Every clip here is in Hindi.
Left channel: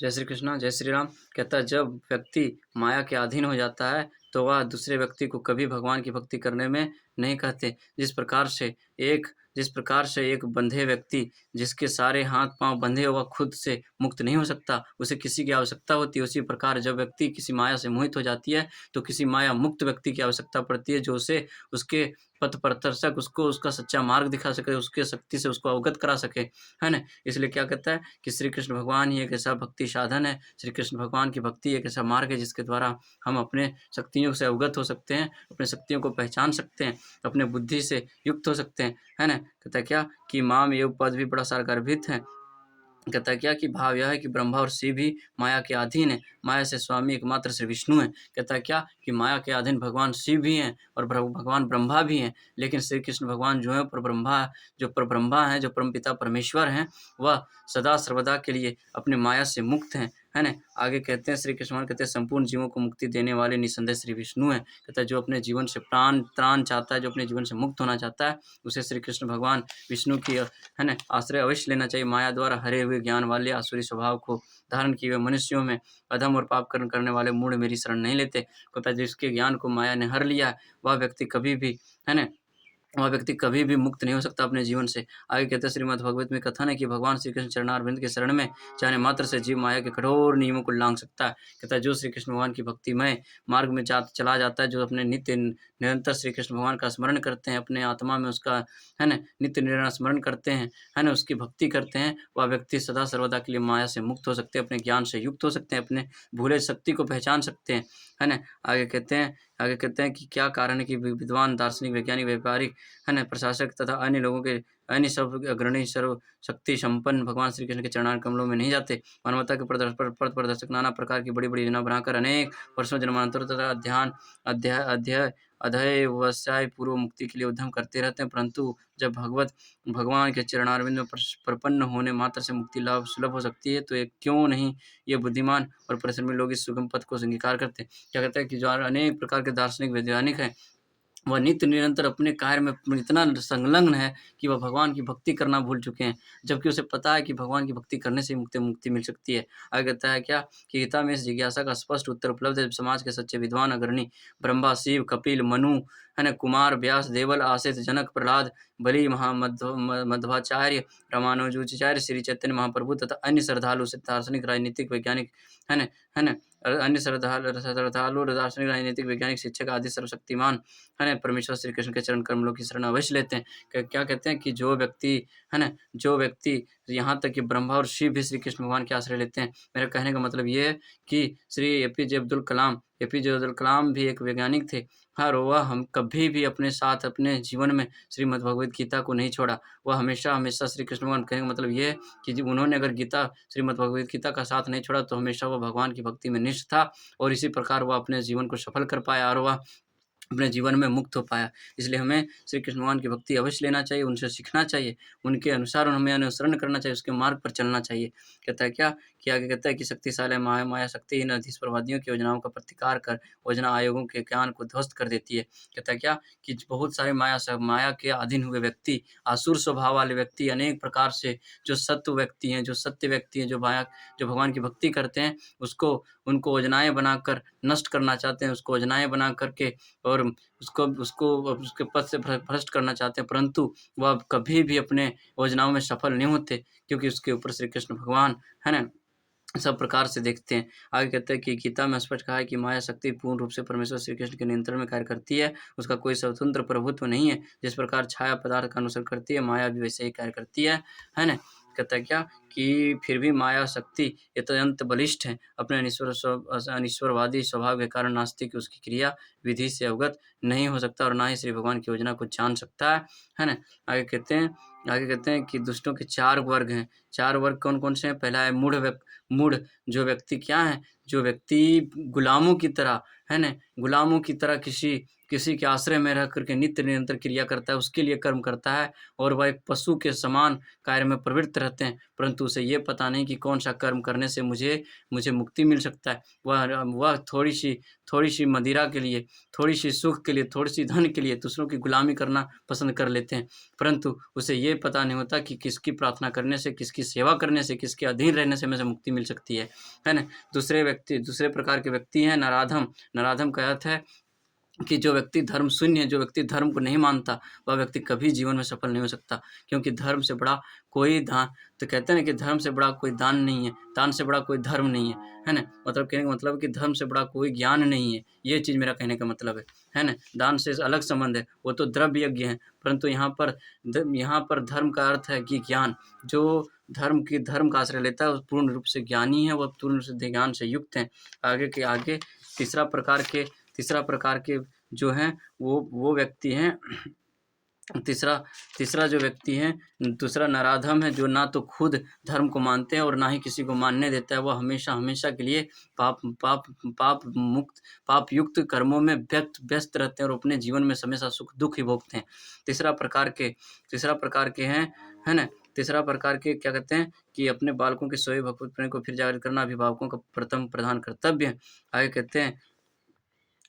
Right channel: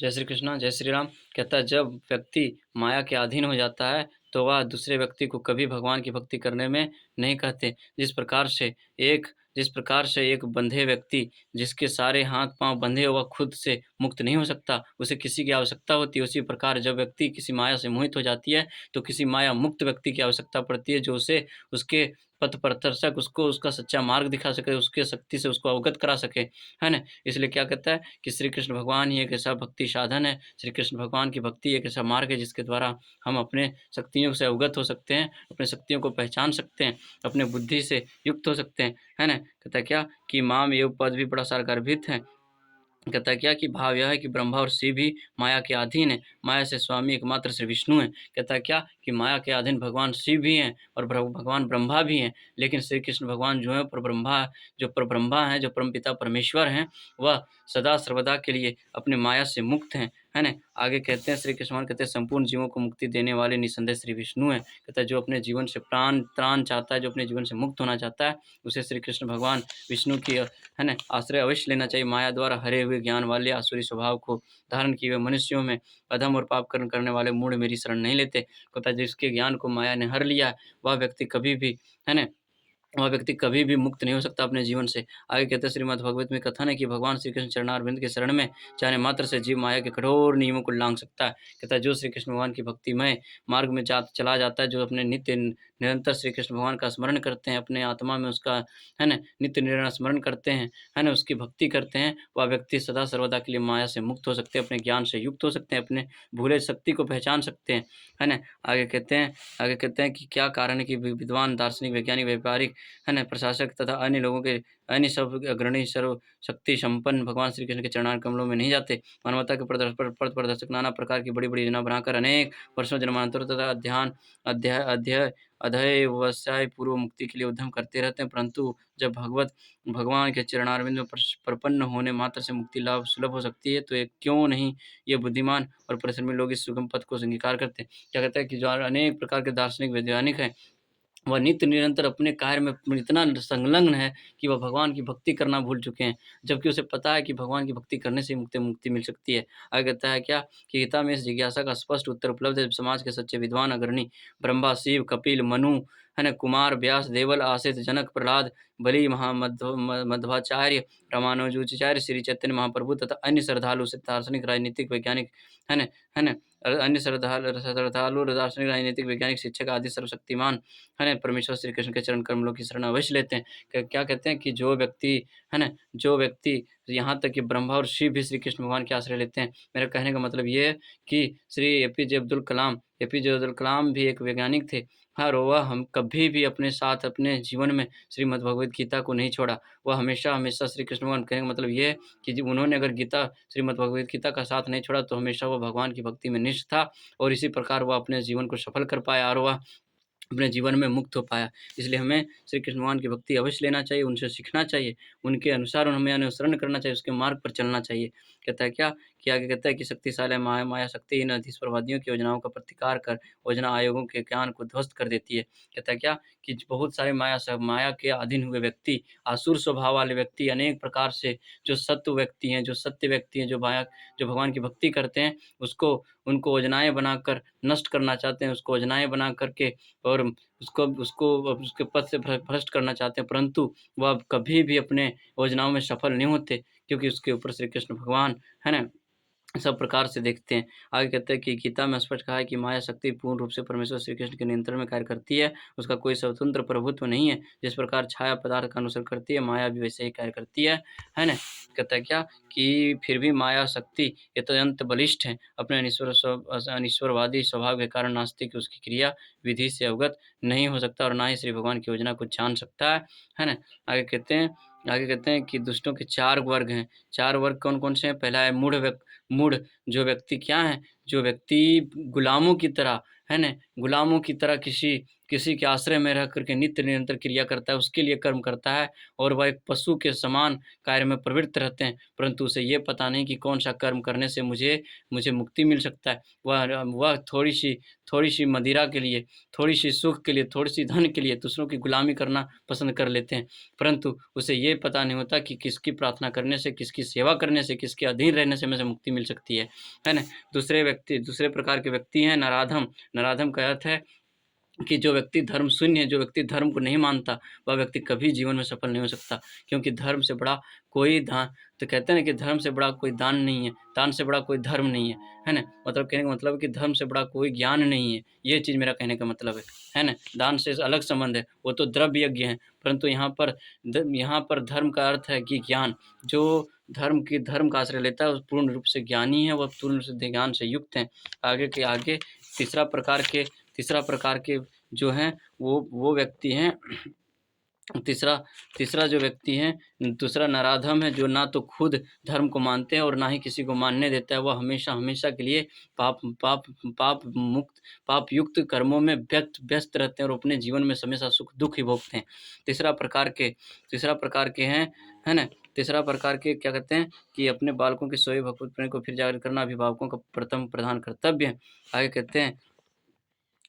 जय श्री कृष्णा, जय श्री राम। कहता है जब व्यक्ति माया के अधीन हो जाता है, तो वह दूसरे व्यक्ति को कभी भगवान की भक्ति करने में नहीं कहते। जिस प्रकार से एक बंधे व्यक्ति जिसके सारे हाथ-पाँव बंधे हुआ खुद से मुक्त नहीं हो सकता, उसे किसी की आवश्यकता होती है, उसी प्रकार जब व्यक्ति किसी माया से मोहित हो जाती है, तो किसी माया मुक्त व्यक्ति की आवश्यकता पड़ती है, जो उसे उसके पथ प्रदर्शक उसको उसका सच्चा मार्ग दिखा सके, उसके शक्ति से उसको अवगत करा सके, है ना? इसलिए क्या कहता है कि श्री कृष्ण भगवान ही एक ऐसा भक्ति साधन है, श्री कृष्ण भगवान की भक्ति एक ऐसा मार्ग है जिसके द्वारा हम अपने शक्तियों से अवगत हो सकते हैं, अपनी शक्तियों को पहचान सकते हैं, अपने बुद्धि से युक्त हो सकते हैं, है ना? कहता है क्या कि माम एव पद भी बड़ा सारा गर्भित है। कहता है क्या कि भाव यह है कि ब्रह्मा और शिव भी माया के अधीन है, माया से स्वामी एकमात्र श्री विष्णु हैं। कहता है क्या कि माया के अधीन भगवान शिव भी हैं और भगवान ब्रह्मा भी हैं, लेकिन श्री कृष्ण भगवान जो है परब्रह्मा हैं, जो परमपिता परमेश्वर हैं, वह सदा सर्वदा के लिए अपने माया से मुक्त हैं, है ना? आगे कहते हैं श्री कृष्ण भगवान कहते हैं संपूर्ण जीवों को मुक्ति देने वाले निसंदेह श्री विष्णु हैं। कहता है जो अपने जीवन से त्राण चाहता है, जो अपने जीवन से मुक्त होना चाहता है, उसे श्री कृष्ण भगवान विष्णु की है ना, आश्रय अवश्य लेना चाहिए। माया द्वारा हरे हुए ज्ञान वाले आसुरी स्वभाव को धारण किए हुए मनुष्यों में अधम और पाप कर्म करने वाले मूढ़ मेरी शरण नहीं लेते। कहता है जिसके ज्ञान को माया ने हर लिया है, वह व्यक्ति कभी भी है ना, वह व्यक्ति कभी भी मुक्त नहीं हो सकता अपने जीवन से। आगे कहते हैं श्रीमद्भगवत में कथन है कि भगवान श्री कृष्ण चरणारविंद के शरण में जाने मात्र से जीव माया के कठोर नियमों को लांघ सकता है। कहता है जो श्री कृष्ण भगवान की भक्तिमय मार्ग में चला जाता है, जो अपने नित्य निरंतर श्री कृष्ण भगवान का स्मरण करते हैं, अपने आत्मा में उसका है ना नित्य निरंतर स्मरण करते हैं, है ना, उसकी भक्ति करते हैं, वह व्यक्ति सदा सर्वदा के लिए माया से मुक्त हो सकते हैं, अपने ज्ञान से युक्त हो सकते हैं, अपने भूले शक्ति को पहचान सकते हैं, है ना। आगे कहते हैं कि क्या कारण है कि विद्वान दार्शनिक वैज्ञानिक व्यापारिक है ना, प्रशासक तथा अन्य लोगों के अन्य सब अग्रणी सर्व शक्ति संपन्न भगवान श्री कृष्ण के चरणार कमलों में नहीं जाते। मानवता के पथ प्रदर्शक नाना प्रकार की बड़ी-बड़ी योजना बनाकर अनेक वर्षों जन्मांतरों तथा ध्यान अध्याय अध्यय अधेय व्यवसाय पूर्व मुक्ति के लिए उद्यम करते रहते हैं, परंतु जब भगवान के चरणारविंद में प्रपन्न होने मात्र से मुक्ति लाभ सुलभ हो सकती है, तो ये क्यों नहीं ये बुद्धिमान और परिश्रमी लोग इस सुगम पथ को स्वीकार करते हैं। क्या कहते हैं कि जो अनेक प्रकार के दार्शनिक वैज्ञानिक हैं, वह नित्य निरंतर अपने कार्य में इतना संलग्न है कि वह भगवान की भक्ति करना भूल चुके हैं, जबकि उसे पता है कि भगवान की भक्ति करने से ही मुक्ति मिल सकती है। आगे कहता है क्या कि गीता में इस जिज्ञासा का स्पष्ट उत्तर उपलब्ध है। समाज के सच्चे विद्वान अग्रणी ब्रह्मा, शिव, कपिल, मनु, है ना, कुमार, व्यास, देवल, आसित, जनक, प्रहलाद, बलि, मध्वाचार्य, रामानुजाचार्य, श्री चैतन्य महाप्रभु तथा अन्य श्रद्धालु दार्शनिक, राजनीतिक, वैज्ञानिक, है ना, अन्य श्रद्धालु दार्शनिक, राजनीतिक, वैज्ञानिक, शिक्षक आदि सर्वशक्तिमान है ना, परमेश्वर श्री कृष्ण के चरण कमलों की शरण अवश्य लेते हैं। क्या कहते हैं कि जो व्यक्ति है ना, जो व्यक्ति यहाँ तक कि ब्रह्मा और शिव भी श्री कृष्ण भगवान के आश्रय लेते हैं। मेरा कहने का मतलब ये है कि श्री एपीजे अब्दुल कलाम भी एक वैज्ञानिक थे। और वह हम कभी भी अपने साथ अपने जीवन में श्रीमद् भगवद गीता को नहीं छोड़ा। वह हमेशा श्री कृष्ण भगवान कहने का मतलब ये है कि जब उन्होंने अगर श्रीमद् भगवद गीता का साथ नहीं छोड़ा, तो हमेशा वो भगवान की भक्ति में निष्ठ था और इसी प्रकार वह अपने जीवन को सफल कर पाया और वह अपने जीवन में मुक्त हो पाया। इसलिए हमें श्री कृष्ण भगवान की भक्ति अवश्य लेना चाहिए, उनसे सीखना चाहिए, उनके अनुसार हमें अनुसरण करना चाहिए, उसके मार्ग पर चलना चाहिए। कहता है क्या कि आगे कहता है कि शक्तिशाली माया शक्तिहीन अधीश्वरवादियों की योजनाओं का प्रतिकार कर योजना आयोगों के ज्ञान को ध्वस्त कर देती है। कहता है क्या कि बहुत सारे माया के अधीन हुए व्यक्ति, आसुर स्वभाव वाले व्यक्ति, अनेक प्रकार से जो सत्य व्यक्ति हैं, जो भगवान की भक्ति करते हैं, उसको उनको योजनाएँ बनाकर नष्ट करना चाहते हैं, उसको योजनाएँ बना कर के और उसको उसको उसके पद से भ्रष्ट करना चाहते हैं, परंतु वह कभी भी अपने योजनाओं में सफल नहीं होते, क्योंकि उसके ऊपर श्री कृष्ण भगवान, है ना, सब प्रकार से देखते हैं। आगे कहते हैं कि गीता में स्पष्ट कहा है कि माया शक्ति पूर्ण रूप से परमेश्वर श्री कृष्ण के नियंत्रण में कार्य करती है, उसका कोई स्वतंत्र प्रभुत्व नहीं है। जिस प्रकार छाया पदार्थ का अनुसरण करती है, माया भी वैसे ही कार्य करती है ना? कहता है क्या कि फिर भी माया शक्ति अत्यंत बलिष्ठ है, अपने अनिश्वरवादी स्वभाव के कारण नास्तिक उसकी क्रिया विधि से अवगत नहीं हो सकता और ना ही श्री भगवान की योजना को जान सकता है ना? आगे कहते हैं कि दुष्टों के 4 वर्ग हैं। 4 वर्ग कौन-कौन से हैं? पहला है मूढ़ जो व्यक्ति क्या है, जो व्यक्ति गुलामों की तरह, है ना, गुलामों की तरह किसी किसी के आश्रय में रह कर के नित्य निरंतर क्रिया करता है, उसके लिए कर्म करता है और वह एक पशु के समान कार्य में प्रवृत्त रहते हैं, परंतु उसे ये पता नहीं कि कौन-सा कर्म करने से मुझे मुझे मुक्ति मिल सकता है। वह थोड़ी-सी मदिरा के लिए, थोड़ी-सी सुख के लिए, थोड़ी-सी धन के लिए दूसरों की गुलामी करना पसंद कर लेते हैं, परंतु उसे ये पता नहीं होता कि किसकी प्रार्थना करने से, किसकी सेवा करने से, किसके अधीन रहने से मुझे मुक्ति मिल सकती है ना? दूसरे प्रकार के व्यक्ति हैं नराधम। नराधम का अर्थ है कि जो व्यक्ति धर्म शून्य है, जो व्यक्ति धर्म को नहीं मानता, वह व्यक्ति कभी जीवन में सफल नहीं हो सकता। क्योंकि धर्म से बड़ा कोई दान तो कहते हैं ना कि धर्म से बड़ा कोई दान नहीं है, दान से बड़ा कोई धर्म नहीं है ना? मतलब कहने का मतलब है कि धर्म से बड़ा कोई ज्ञान नहीं है, ये चीज़ मेरा कहने का मतलब है ना? दान से अलग संबंध है, वो तो द्रव्य यज्ञ है, परंतु यहाँ पर धर्म का अर्थ है कि ज्ञान, जो धर्म का आश्रय लेता है, वो पूर्ण रूप से ज्ञानी है, वह पूर्ण रूप से ज्ञान से युक्त है। आगे तीसरा प्रकार के तीसरा प्रकार के जो हैं वो व्यक्ति हैं तीसरा तीसरा जो व्यक्ति है, दूसरा नराधम है जो ना तो खुद धर्म को मानते हैं और ना ही किसी को मानने देता है। वह हमेशा के लिए पाप पाप पाप युक्त कर्मों में व्यस्त रहते हैं और अपने जीवन में हमेशा सुख-दुःख ही भोगते हैं। तीसरा प्रकार के हैं, है ना? तीसरा प्रकार के क्या कहते हैं कि अपने बालकों के सोए भगवत प्रेम को फिर जागृत करना अभिभावकों का प्रथम प्रधान कर्तव्य है। आगे कहते हैं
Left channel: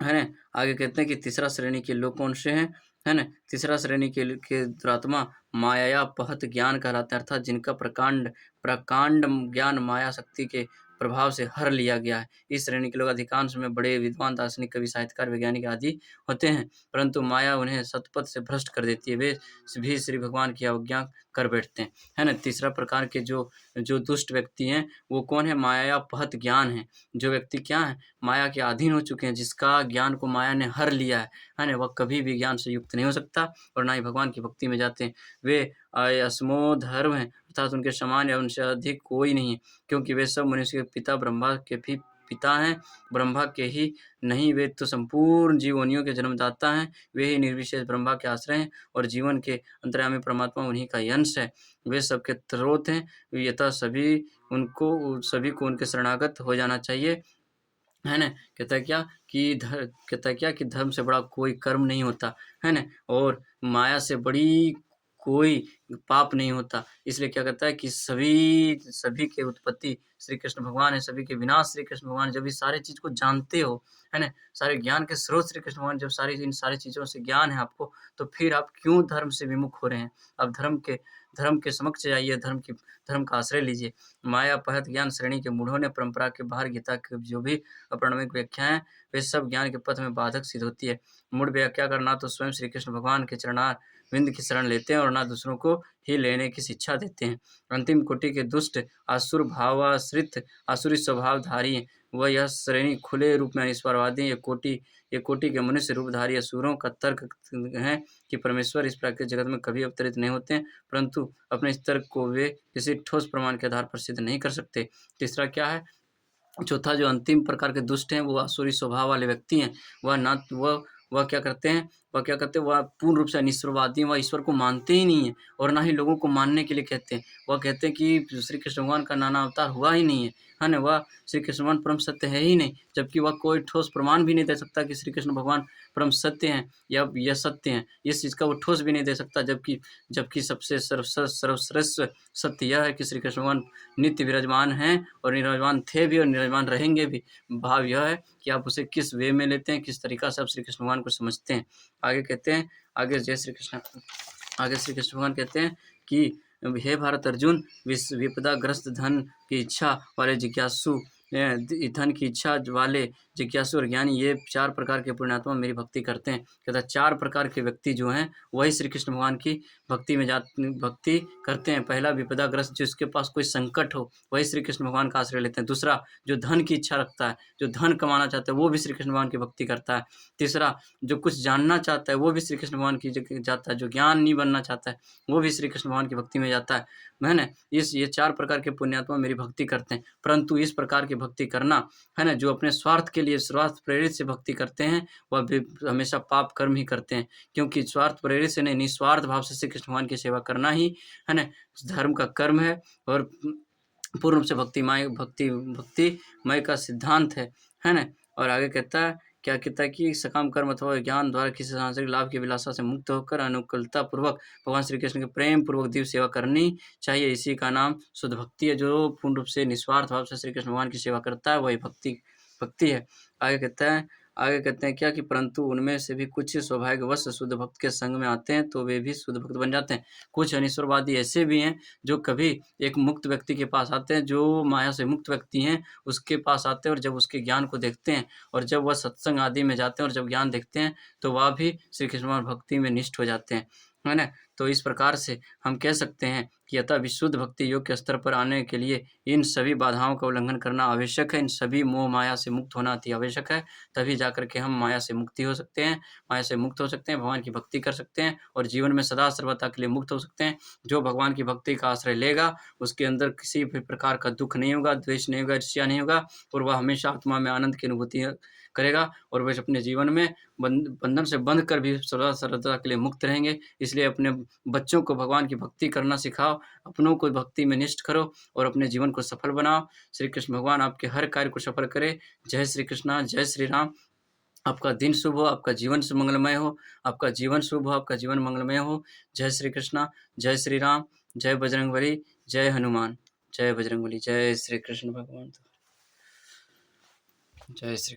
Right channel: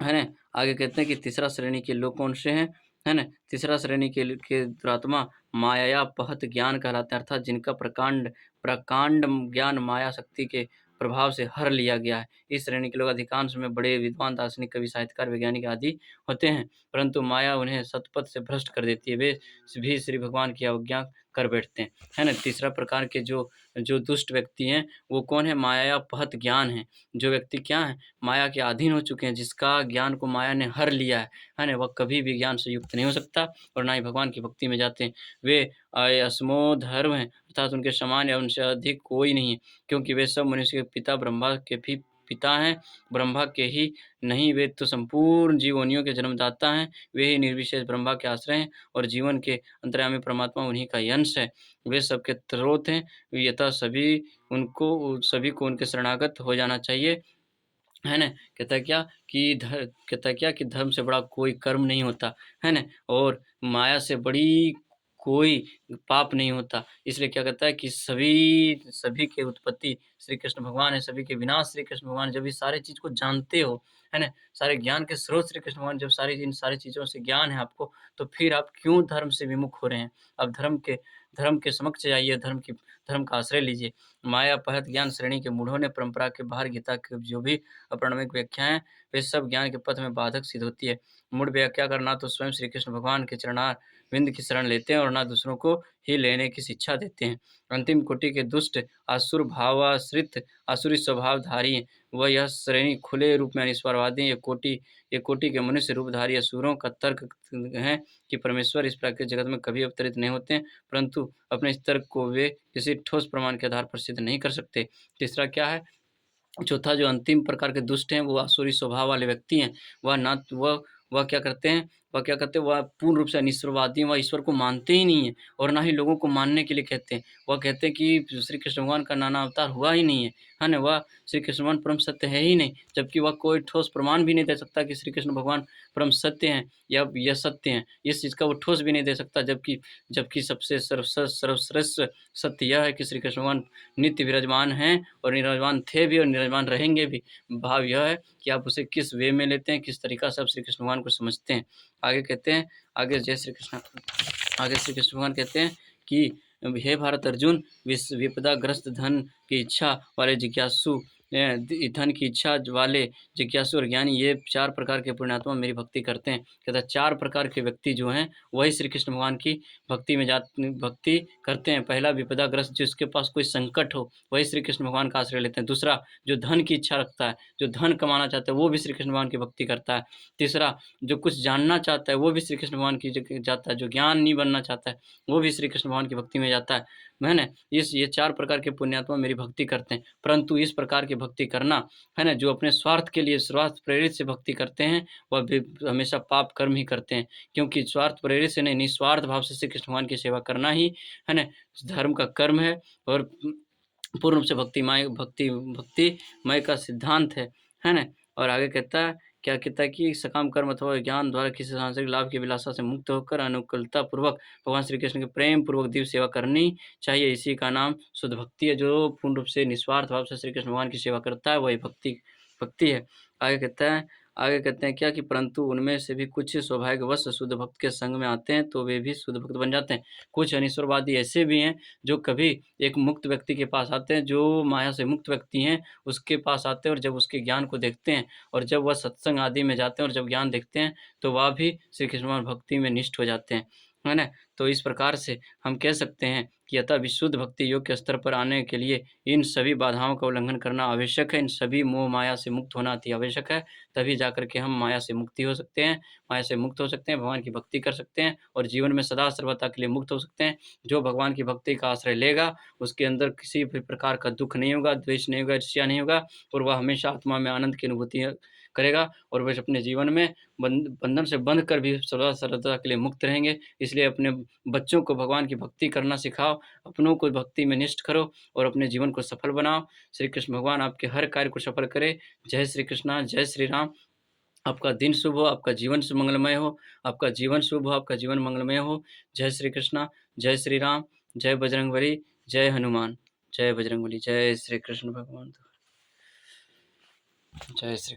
है ना? आगे कहते हैं कि तीसरा श्रेणी के लोग कौन से हैं? है ना? तीसरा श्रेणी के दुरात्मा मायापहत ज्ञान कहलाता है अर्थात जिनका प्रकांड ज्ञान माया शक्ति के प्रभाव से हर लिया गया है। इस श्रेणी के लोग अधिकांश में बड़े विद्वान, दार्शनिक, कवि, साहित्यकार, वैज्ञानिक आदि होते हैं, परंतु माया उन्हें सतपथ से भ्रष्ट कर देती है। वे भी श्री भगवान की अवज्ञा कर बैठते हैं। है ना? तीसरा प्रकार के जो जो दुष्ट व्यक्ति हैं, वो कौन है? मायापहत ज्ञान है। जो व्यक्ति क्या है? माया के अधीन हो चुके हैं, जिसका ज्ञान को माया ने हर लिया है ना? वह कभी भी ज्ञान से युक्त नहीं हो सकता और ना ही भगवान की भक्ति में जाते हैं। वे असमोधर्म हैं, अर्थात उनके समान या उनसे अधिक कोई नहीं है, क्योंकि वे सब मनुष्य के पिता ब्रह्मा के भी पिता हैं, ब्रह्मा के ही नहीं वे तो संपूर्ण जीवोनियों के जन्मदाता हैं, वे ही निर्विशेष ब्रह्मा के आश्रय हैं और जीवन के अंतर्यामी परमात्मा उन्हीं का ही अंश है। वे सबके स्रोत हैं, अतः सभी को उनके शरणागत हो जाना चाहिए। है ना? कहता है क्या कि धर्म से बड़ा कोई कर्म नहीं होता, है ना? और माया से बड़ी कोई पाप नहीं होता। इसलिए क्या कहता है कि सभी के उत्पत्ति श्री कृष्ण भगवान है, सभी के विनाश श्री कृष्ण भगवान। जब इस सारी चीज़ को जानते हो, है ना? सारे ज्ञान के स्रोत श्री कृष्ण भगवान, जब इन सारी चीज़ों से ज्ञान है आपको, तो फिर आप क्यों धर्म से विमुख हो रहे हैं? आप धर्म के समक्ष जाइए, धर्म का आश्रय लीजिए। मायापहत ज्ञान श्रेणी के मूढ़ों ने परंपरा के बाहर गीता की जो भी अप्रामाणिक व्याख्याएँ, वे सब ज्ञान के पथ में बाधक सिद्ध होती है। मूढ़ व्याख्या कर ना तो स्वयं श्री कृष्ण भगवान के चरणारविंद की शरण लेते हैं और ना दूसरों को ही लेने की शिक्षा देते हैं। अंतिम कोटि के दुष्ट आसुरी स्वभावधारी हैं। वह यह श्रेणी खुले रूप में अनिश्वरवादी हैं। ये कोटि के मनुष्य रूपधारी असुरों का तर्क है कि परमेश्वर इस प्राकृतिक जगत में कभी अवतरित नहीं होते, परंतु अपने इस तर्क को वे किसी ठोस प्रमाण के आधार पर सिद्ध नहीं कर सकते। तीसरा क्या है? चौथा जो अंतिम प्रकार के दुष्ट हैं, वो आसुरी स्वभाव वाले व्यक्ति हैं। वह क्या करते हैं? वह पूर्ण रूप से अनिश्वरवादी हैं, वह ईश्वर को मानते ही नहीं हैं और ना ही लोगों को मानने के लिए कहते हैं। वह कहते हैं कि श्री कृष्ण भगवान का नाना अवतार हुआ ही नहीं है ना? वह श्री कृष्ण भगवान परम सत्य है ही नहीं, जबकि वह कोई ठोस प्रमाण भी नहीं दे सकता कि श्री कृष्ण भगवान परम सत्य हैं या यह सत्य हैं। इस चीज़ का वो ठोस भी नहीं दे सकता, जबकि सबसे सर्वश्रेष्ठ सत्य यह है कि श्री कृष्ण भगवान नित्य विराजमान हैं और विराजमान थे भी और विराजमान रहेंगे भी। भाव यह है कि आप उसे किस वे में लेते हैं, किस तरीक़ा से आप श्री कृष्ण भगवान को समझते हैं। आगे कहते हैं, आगे श्री कृष्ण भगवान कहते हैं कि हे भारत अर्जुन, विपदाग्रस्त धन की इच्छा वाले जिज्ञासु धन की इच्छा वाले जिज्ञासु और ज्ञानी, ये 4 प्रकार के पुण्यात्मा मेरी भक्ति करते हैं। कहता है 4 प्रकार के व्यक्ति जो हैं, वही श्री कृष्ण भगवान की भक्ति करते हैं। पहला विपदाग्रस्त, जिसके पास कोई संकट हो, वही श्री कृष्ण भगवान का आश्रय लेते हैं। दूसरा, जो धन की इच्छा रखता है, जो धन कमाना चाहता है, वो भी श्री कृष्ण भगवान की भक्ति करता है। तीसरा, जो कुछ जानना चाहता है, वो भी श्री कृष्ण भगवान की जाता है। जो ज्ञानी बनना चाहता है, वो भी श्री कृष्ण भगवान की भक्ति में जाता है। है ना? ये 4 प्रकार के पुण्यात्मा मेरी भक्ति करते हैं। परंतु इस प्रकार की भक्ति करना, है ना, जो अपने स्वार्थ के लिए स्वार्थ प्रेरित से भक्ति करते हैं, वह भी हमेशा पाप कर्म ही करते हैं। क्योंकि स्वार्थ प्रेरित से नहीं, निस्वार्थ भाव से श्री कृष्ण भगवान की सेवा करना ही, है ना, धर्म का कर्म है और पूर्ण रूप से भक्तिमय का सिद्धांत है ना? और आगे कहता है क्या कहता है कि सकाम कर्म अथवा ज्ञान द्वारा किसी सांसारिक लाभ की अभिलाषा से मुक्त होकर अनुकूलतापूर्वक भगवान श्री कृष्ण की प्रेम पूर्वक दिव्य सेवा करनी चाहिए। इसी का नाम शुद्ध भक्ति है। जो पूर्ण रूप से निस्वार्थ भाव से श्री कृष्ण भगवान की सेवा करता है, वही भक्ति भक्ति है। आगे कहते हैं क्या कि परंतु उनमें से भी कुछ सौभाग्यवश शुद्ध भक्त के संग में आते हैं, तो वे भी शुद्ध भक्त बन जाते हैं। कुछ अनिश्वरवादी ऐसे भी हैं, जो कभी एक मुक्त व्यक्ति के पास आते हैं, जो माया से मुक्त व्यक्ति हैं, उसके पास आते हैं और जब उसके ज्ञान को देखते हैं और जब वह सत्संग आदि में जाते हैं और जब ज्ञान देखते हैं, तो वह भी श्री कृष्ण भगवान भक्ति में निष्ठ हो जाते हैं। है ना? तो इस प्रकार से हम कह सकते हैं कि अतः विशुद्ध भक्ति योग के स्तर पर आने के लिए इन सभी बाधाओं का उल्लंघन करना आवश्यक है। इन सभी मोह माया से मुक्त होना अति आवश्यक है। तभी जाकर के हम माया से मुक्ति हो सकते हैं, माया से मुक्त हो सकते हैं, भगवान की भक्ति कर सकते हैं और जीवन में सदा सर्वदा के लिए मुक्त हो सकते हैं। जो भगवान की भक्ति का आश्रय लेगा, उसके अंदर किसी भी प्रकार का दुःख नहीं होगा, द्वेष नहीं होगा, ईर्ष्या नहीं होगा और वह हमेशा आत्मा में आनंद की अनुभूति करेगा और वह अपने जीवन में बंधन से बंध कर भी सदा सर्वदा के लिए मुक्त रहेंगे। इसलिए अपने बच्चों को भगवान की भक्ति करना सिखाओ, अपनों को भक्ति में निष्ठ करो और अपने जीवन को सफल बनाओ। श्री कृष्ण भगवान आपके हर कार्य को सफल करे। जय श्री कृष्णा, जय श्री राम। आपका दिन शुभ हो, आपका जीवन मंगलमय हो, आपका जीवन शुभ हो, आपका जीवन मंगलमय हो। जय श्री कृष्णा, जय श्री राम, जय बजरंगबली, जय हनुमान, जय बजरंगबली, जय श्री कृष्ण भगवान। जय श्री